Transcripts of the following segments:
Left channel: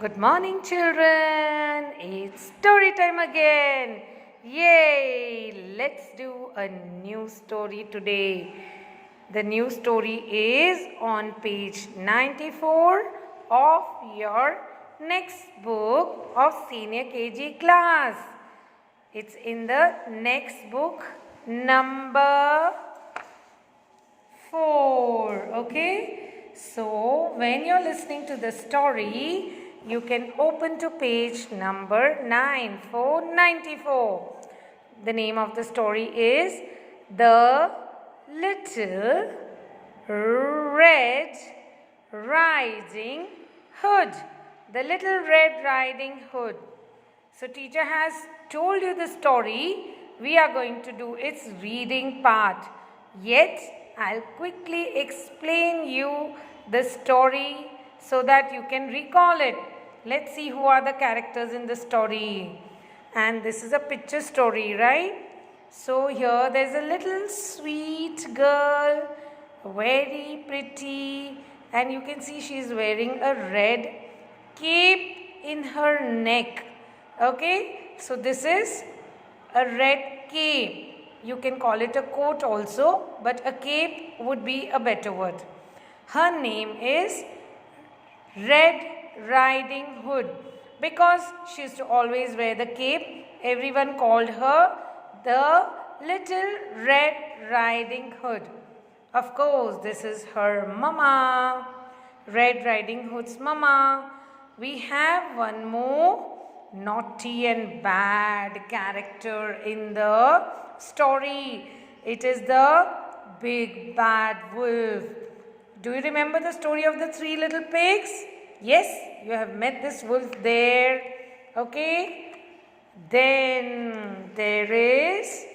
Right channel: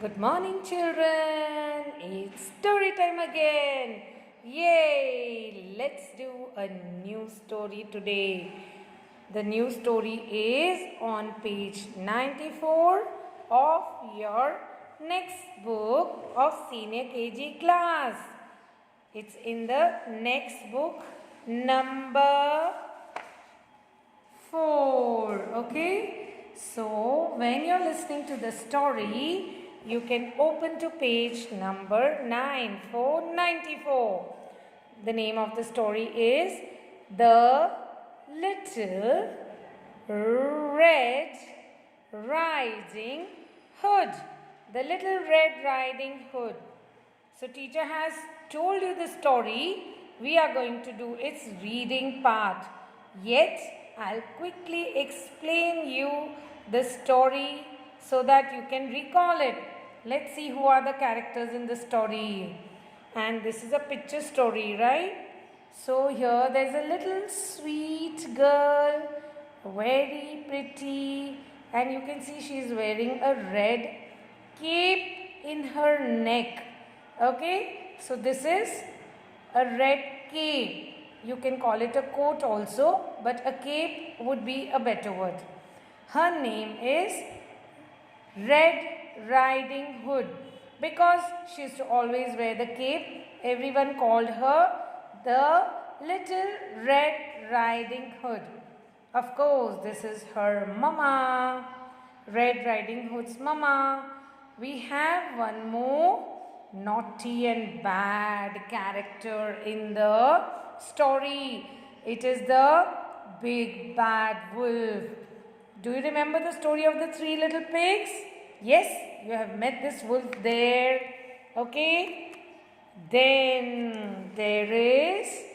Good morning, children. It's story time again. Yay! Let's do a new story today. The new story is on page 94 of your next book of senior KG class. It's in the next book, number 4. Okay? So, when you're listening to the story, you can open to page number 9494. The name of the story is The Little Red Riding Hood. The Little Red Riding Hood. So teacher has told you the story. We are going to do its reading part. Yet I'll quickly explain you the story so that you can recall it. Let's see who are the characters in the story. And this is a picture story, right? So here there's a little sweet girl, very pretty, and you can see she's wearing a red cape in her neck. Okay, so this is a red cape. You can call it a coat also, but a cape would be a better word. Her name is Red Riding Hood. Because she used to always wear the cape, everyone called her the Little Red Riding Hood. Of course, this is her mama, Red Riding Hood's mama. We have one more naughty and bad character in the story. It is the big bad wolf. Do you remember the story of the 3 little pigs? Yes, you have met this wolf there. Okay. Then there is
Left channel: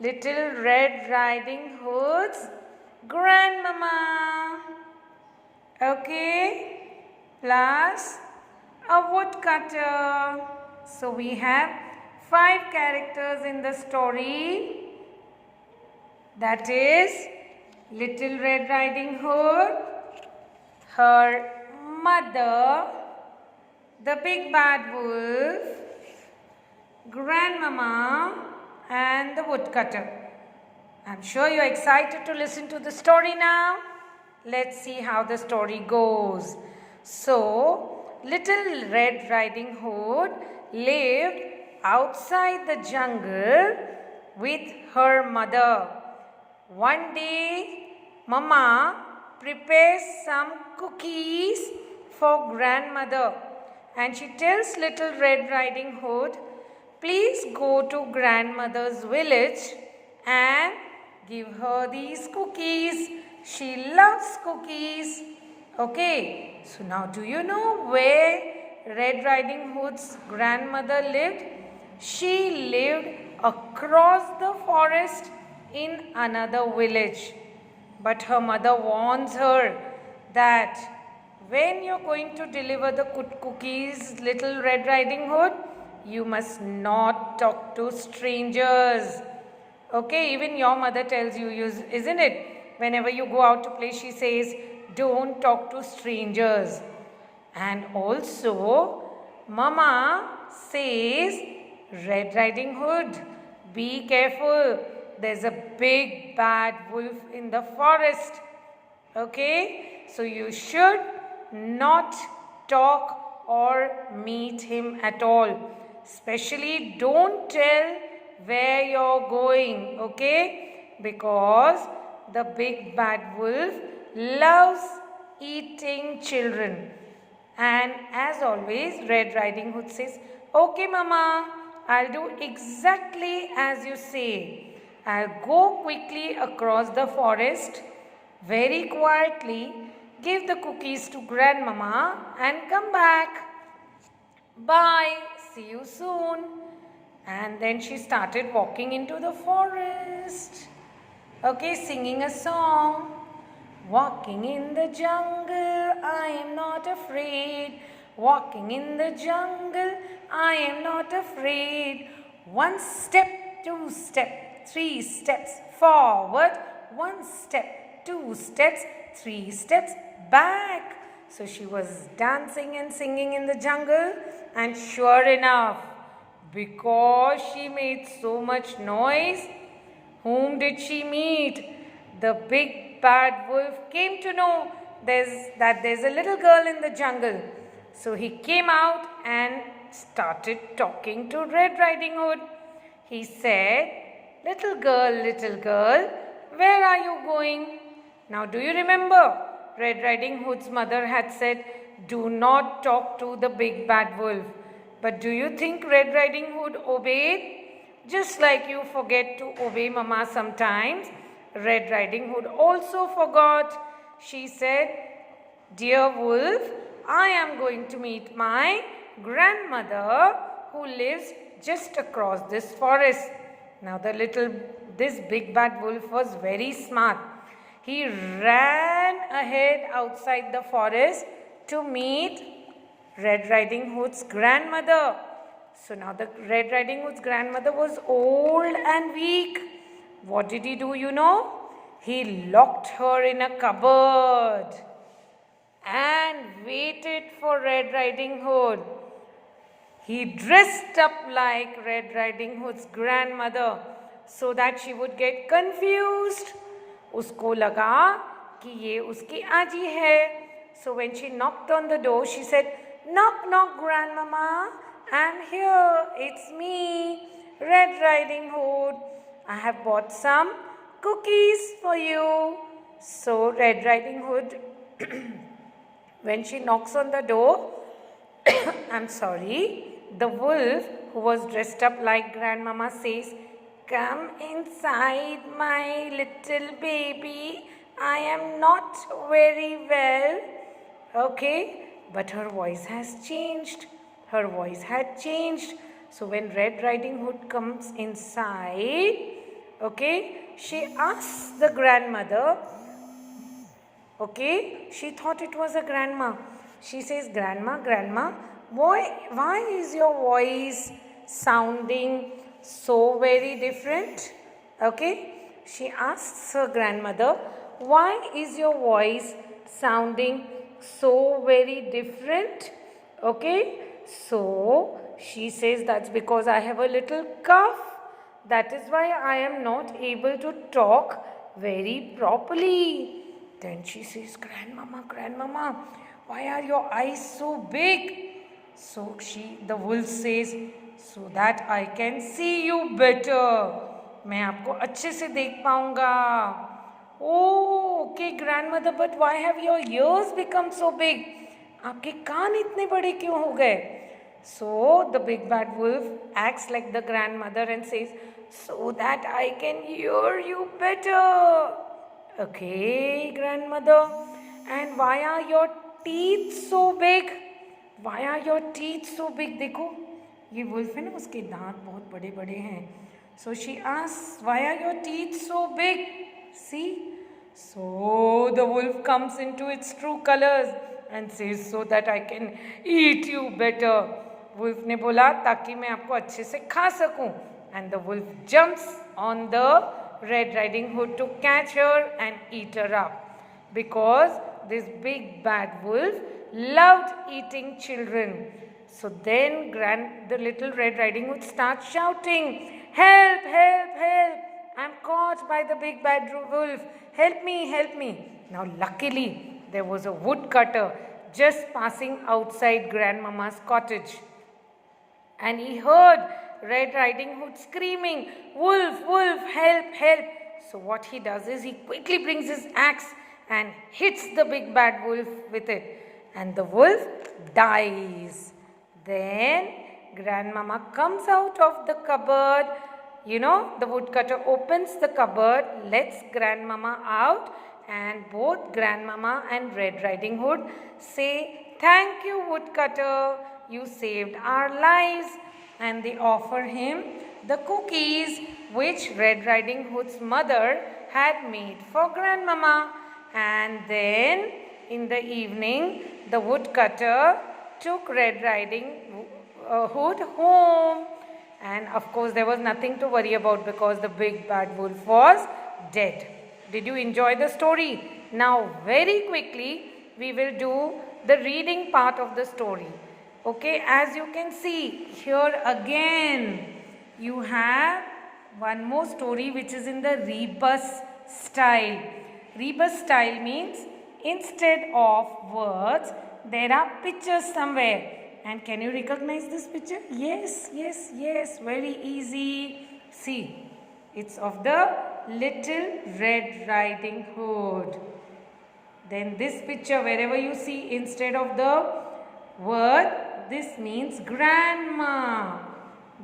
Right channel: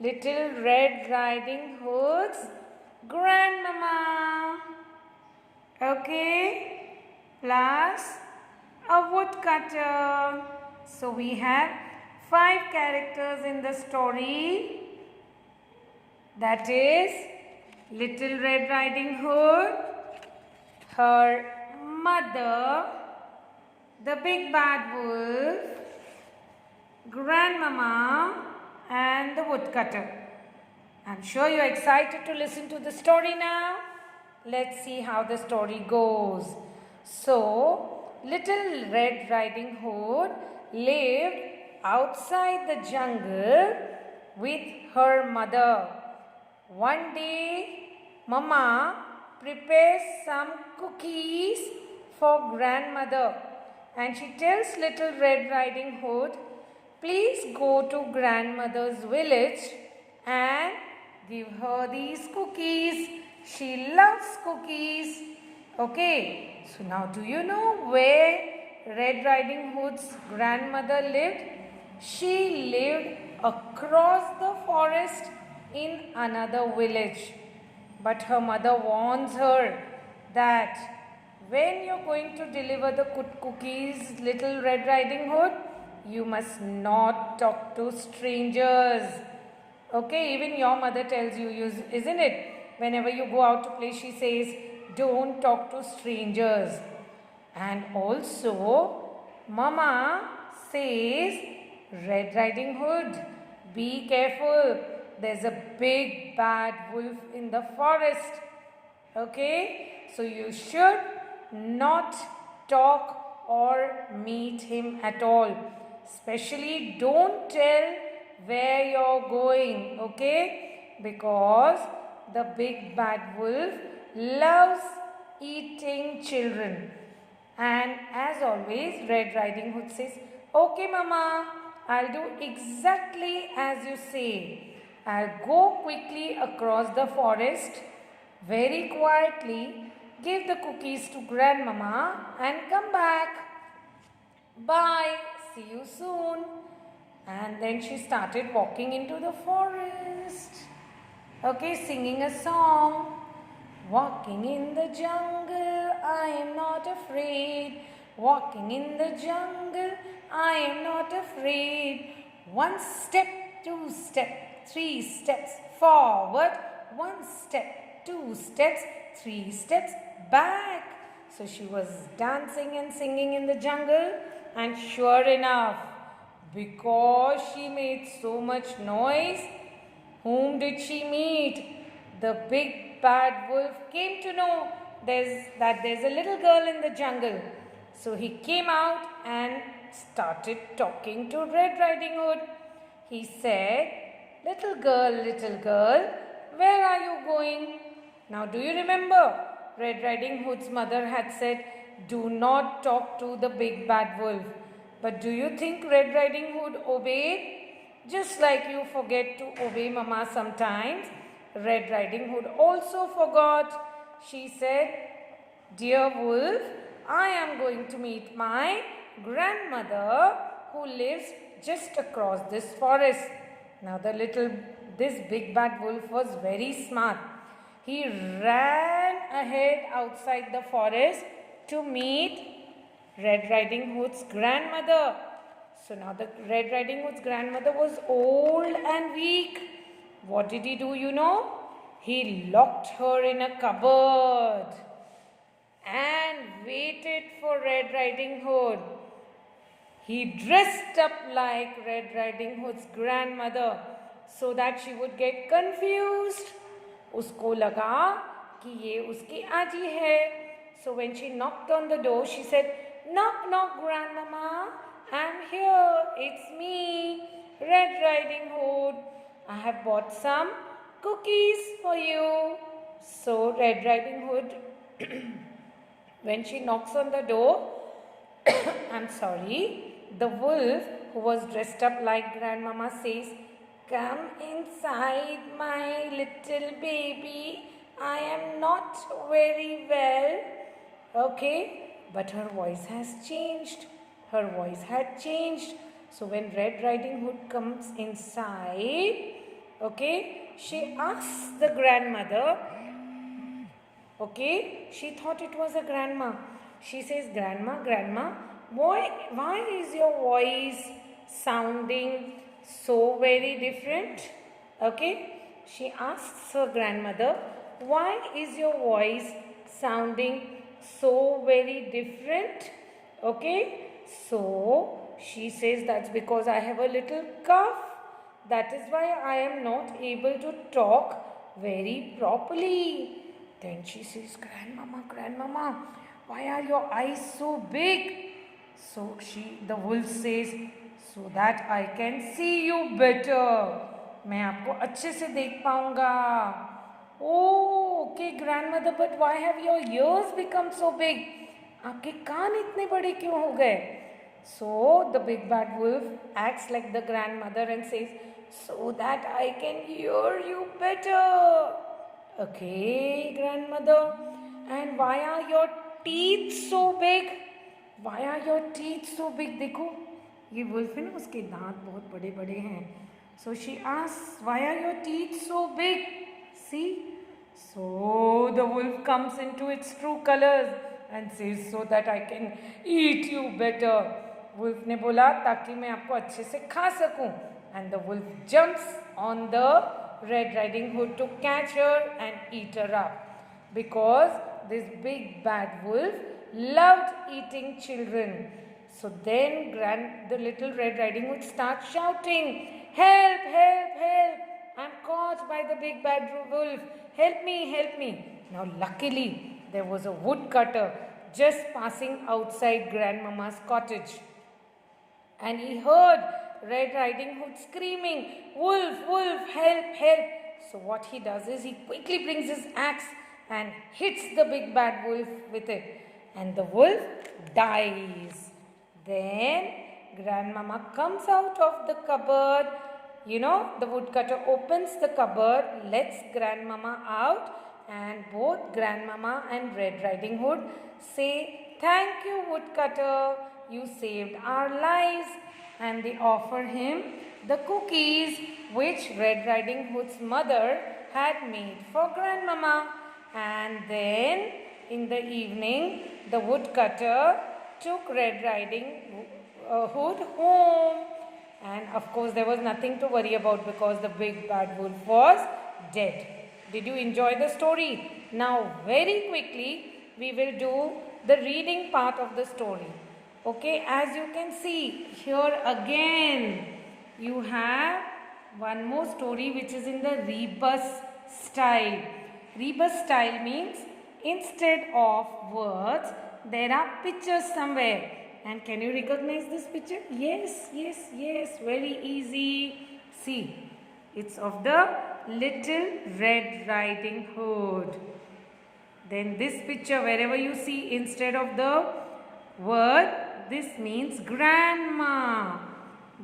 Little Red Riding Hood's grandmama. Okay. Plus a woodcutter. So we have 5 characters in the story. That is Little Red Riding Hood, her mother, the big bad wolf, grandmama, and the woodcutter. I'm sure you're excited to listen to the story now. Let's see how the story goes. So, Little Red Riding Hood lived outside the jungle with her mother. One day, Mama prepares some cookies for grandmother, and she tells Little Red Riding Hood, please go to grandmother's village and give her these cookies. She loves cookies. Okay, so now do you know where Red Riding Hood's grandmother lived? She lived across the forest in another village. But her mother warns her that when you're going to deliver the cookies, Little Red Riding Hood, you must not talk to strangers. Okay, even your mother tells you, isn't it? Whenever you go out to play, she says, don't talk to strangers. And also, Mama says, Red Riding Hood, be careful. There's a big bad wolf in the forest. Okay? So you should not talk or meet him at all. Especially don't tell where you're going. Okay? Because the big bad wolf loves eating children. And as always, Red Riding Hood says, okay, Mama, I'll do exactly as you say. I'll go quickly across the forest, very quietly, give the cookies to grandmama and come back. Bye, see you soon. And then she started walking into the forest. Okay, singing a song. Walking in the jungle, I am not afraid. Walking in the jungle, I am not afraid. 1 step, 2 step. 3 steps forward, 1 step, 2 steps, 3 steps back. So she was dancing and singing in the jungle, and sure enough, because she made so much noise, whom did she meet? The big bad wolf came to know there's a little girl in the jungle. So he came out and started talking to Red Riding Hood. He said, little girl, where are you going? Now do you remember? Red Riding Hood's mother had said, do not talk to the big bad wolf. But do you think Red Riding Hood obeyed? Just like you forget to obey Mama sometimes, Red Riding Hood also forgot. She said, dear wolf, I am going to meet my grandmother who lives just across this forest. Now this big bad wolf was very smart. He ran ahead outside the forest to meet Red Riding Hood's grandmother. So now the Red Riding Hood's grandmother was old and weak. What did he do, you know? He locked her in a cupboard and waited for Red Riding Hood. He dressed up like Red Riding Hood's grandmother so that she would get confused. उसको लगा कि ये उसकी आजी है. So when she knocked on the door, she said, knock, knock, grandmama. I'm here. It's me, Red Riding Hood. I have bought some cookies for you. So Red Riding Hood, when she knocks on the door, I'm sorry, the wolf who was dressed up like grandmama says, come inside, my little baby. I am not very well. Okay, but her voice has changed. Her voice had changed. So when Red Riding Hood comes inside, okay, she asks the grandmother, okay, she thought it was a grandma. She says, grandma, why is your voice sounding so very different? Okay, she asks her grandmother, why is your voice sounding so very different? Okay, so she says, that's because I have a little cough. That is why I am not able to talk very properly. Then she says, grandmama, why are your eyes so big? So the wolf says, so that I can see you better. मैं आपको अच्छे से देख पाऊंगा. Oh, okay, grandmother, but why have your ears become so big? आपके कान इतने बड़े क्यों हो गए? So the big bad wolf acts like the grandmother and says, so that I can hear you better. Okay, grandmother. And why are your teeth so big? Why are your teeth so big? देखो, ये wolf है ना, उसके दांत बहुत बड़े बड़े हैं. So she asks, why are your teeth so big? See? So the wolf comes into its true colors and says, so that I can eat you better. Wolf ने बोला ताकि मैं आपको अच्छे से खा सकूं. And the wolf jumps on the Red Riding Hood to catch her and eat her up. Because this big bad wolf loved eating children. So then the little Red Riding Hood starts shouting, help, help, help. I'm caught by the big bad wolf. Help me, help me. Now luckily there was a woodcutter just passing outside Grandmama's cottage. And he heard Red Riding Hood screaming, wolf, wolf, help, help. So what he does is he quickly brings his axe and hits the big bad wolf with it. And the wolf dies. Then Grandmama comes out of the cupboard. You know, the woodcutter opens the cupboard, lets Grandmama out, and both Grandmama and Red Riding Hood say, thank you, woodcutter, you saved our lives. And they offer him the cookies which Red Riding Hood's mother had made for Grandmama. And then in the evening, the woodcutter took Red Riding Hood home. And of course, there was nothing to worry about because the big bad wolf was dead. Did you enjoy the story? Now, very quickly, we will do the reading part of the story. Okay, as you can see here again, you have one more story which is in the rebus style. Rebus style means instead of words, there are pictures somewhere. And can you recognize this picture? Yes, yes, yes, very easy. See, it's of the Little Red Riding Hood. Then this picture, wherever you see instead of the word, this means grandma.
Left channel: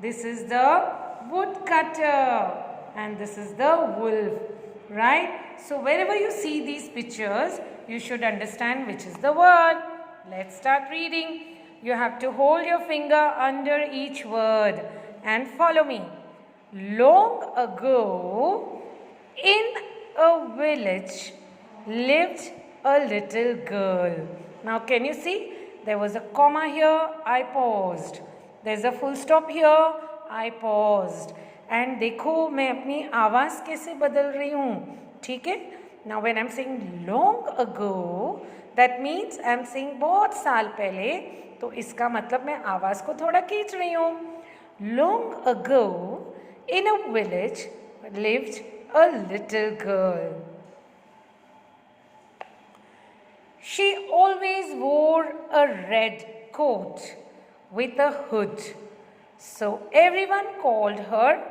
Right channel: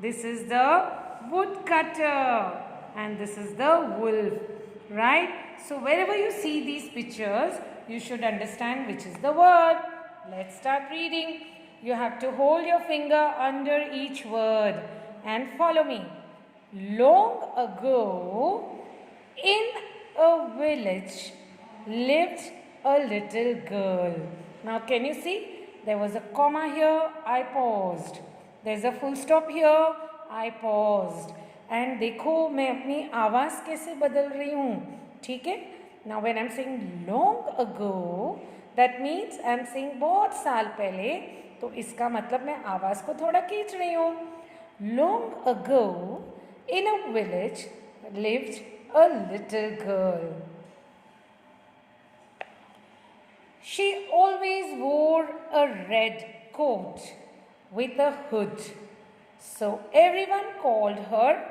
This is the woodcutter and this is the wolf, right? So wherever you see these pictures, you should understand which is the word. Let's start reading. You have to hold your finger under each word and follow me. Long ago, in a village, lived a little girl. Now can you see? There was a comma here, I paused. There's a full stop here, I paused. And देखो मैं अपनी आवाज़ कैसे बदल रही हूँ, ठीक है? Now when I'm saying long ago, that means I'm saying बहुत साल पहले, तो इसका मतलब मैं आवाज़ को थोड़ा खींच रही हूँ. Long ago, in a village lived a little girl. She always wore a red coat with a hood. So everyone called her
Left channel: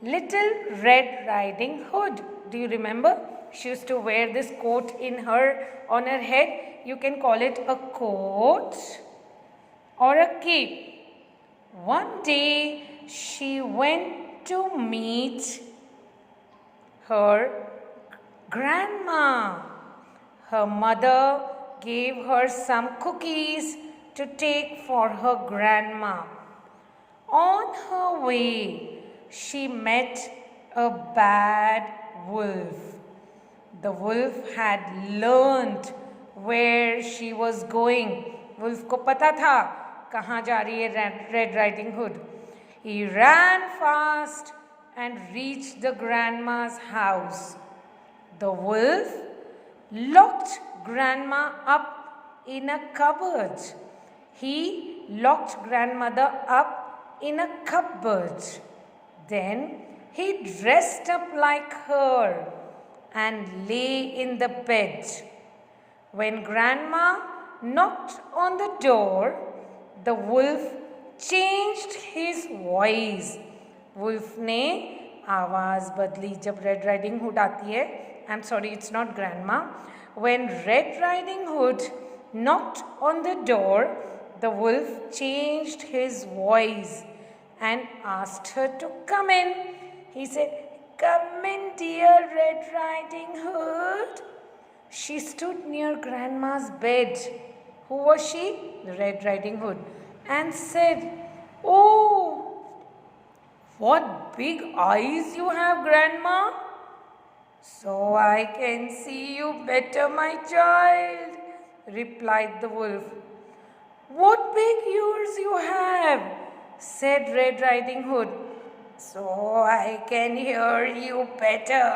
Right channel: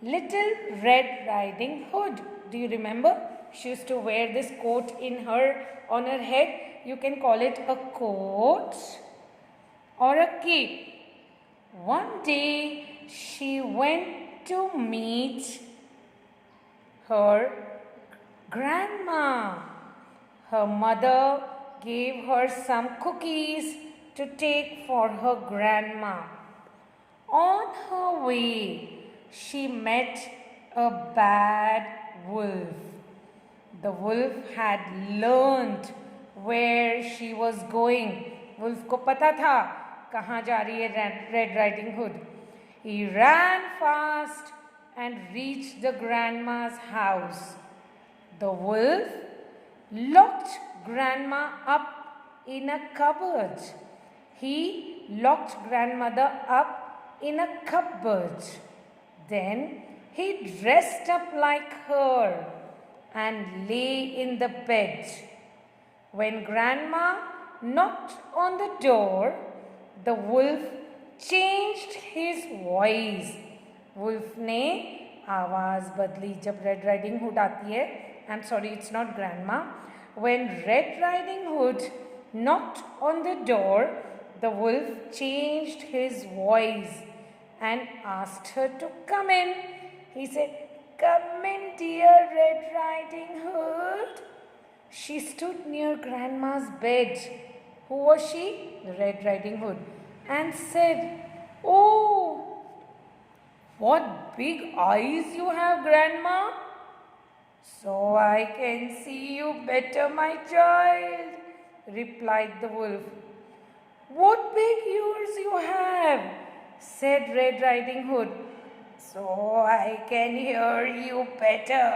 Little Red Riding Hood. Do you remember? She used to wear this coat on her head. You can call it a coat or a cape. One day she went to meet her grandma. Her mother gave her some cookies to take for her grandma. On her way, she met a bad wolf. The wolf had learned where she was going. Wolf को पता था कहाँ जा रही है Red Riding Hood. He ran fast and reached the grandma's house. The wolf locked grandma up in a cupboard. He locked grandmother up in a cupboard. Then he dressed up like her and lay in the bed. When grandma knocked on the door, the wolf changed his voice. Wolf ने आवाज़ बदली जब Red Riding Hood आती है. I'm sorry, it's not grandma. When Red Riding Hood knocked on the door, the wolf changed his voice and asked her to come in. He said, "Come in, dear Red Riding Hood." She stood near grandma's bed. Who was she? Red Riding Hood. And said, "Oh, what big eyes you have, grandma." "So I can see you better, my child," replied the wolf. "What big ears you have," said Red Riding Hood. "So I can hear you better,"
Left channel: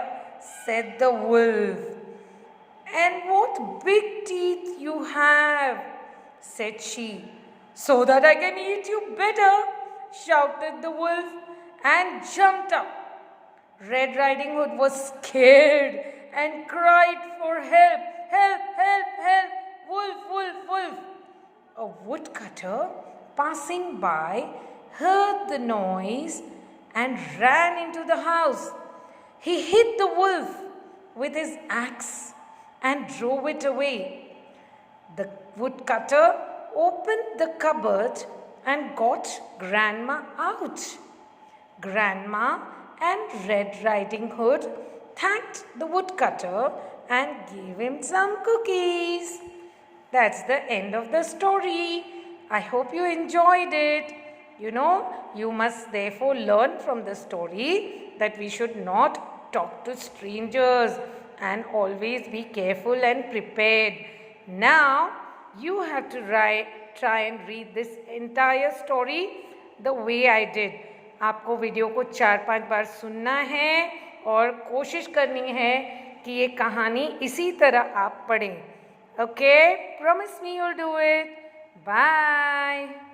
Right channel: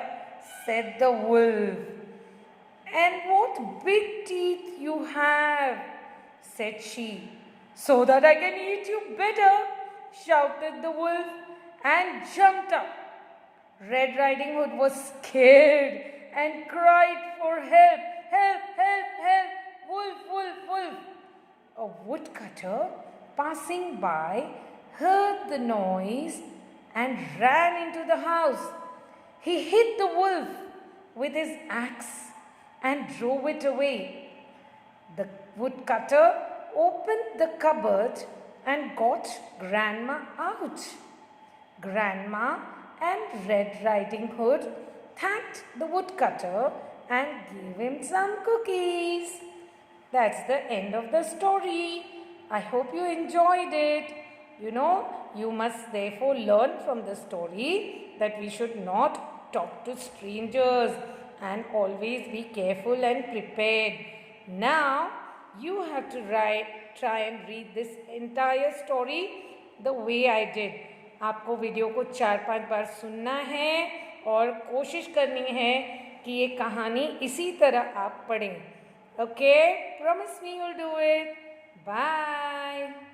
said the wolf. "And what big teeth you have," said she. "So that I can eat you better," shouted the wolf and jumped up. Red Riding Hood was scared and cried for help. "Help, help, help! Wolf, wolf, wolf!" A woodcutter passing by heard the noise and ran into the house. He hit the wolf with his axe and drove it away. The woodcutter opened the cupboard and got grandma out. Grandma and Red Riding Hood thanked the woodcutter and gave him some cookies. That's the end of the story. I hope you enjoyed it. You must therefore learn from the story that we should not talk to strangers and always be careful and prepared. Now, you have to try and read this entire story the way I did. आपको video को 4-5 बार सुनना है और कोशिश करनी है कि ये कहानी इसी तरह आप पढ़ें. Okay? Promise me you'll do it. Bye.